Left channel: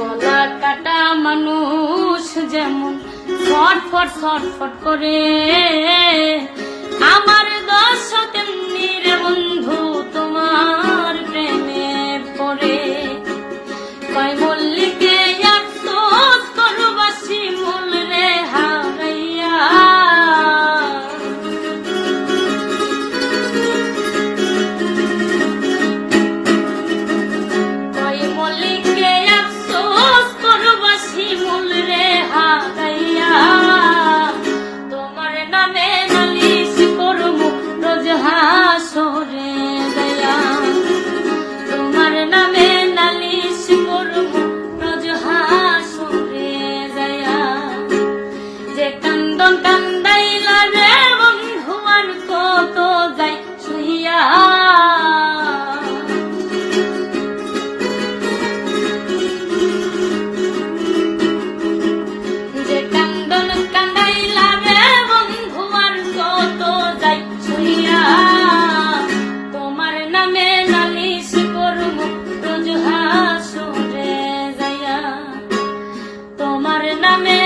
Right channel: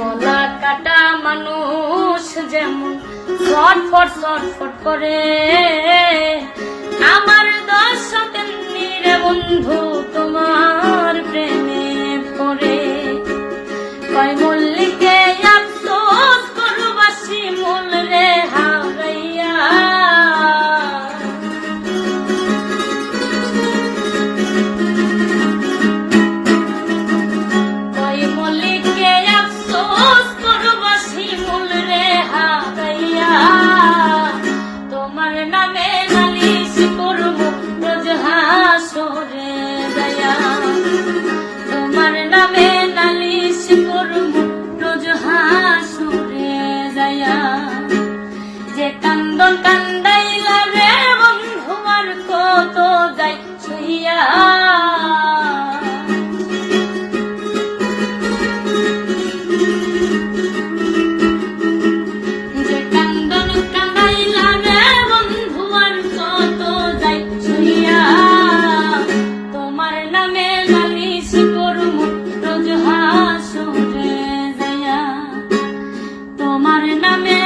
গলা কাটা মানুষ যেমন ছটফট ছটফট করে। আমার দর্শক রে বন্ধু কান্দাইলা রে বন্ধু আর কত যাই সহিয়া Amén.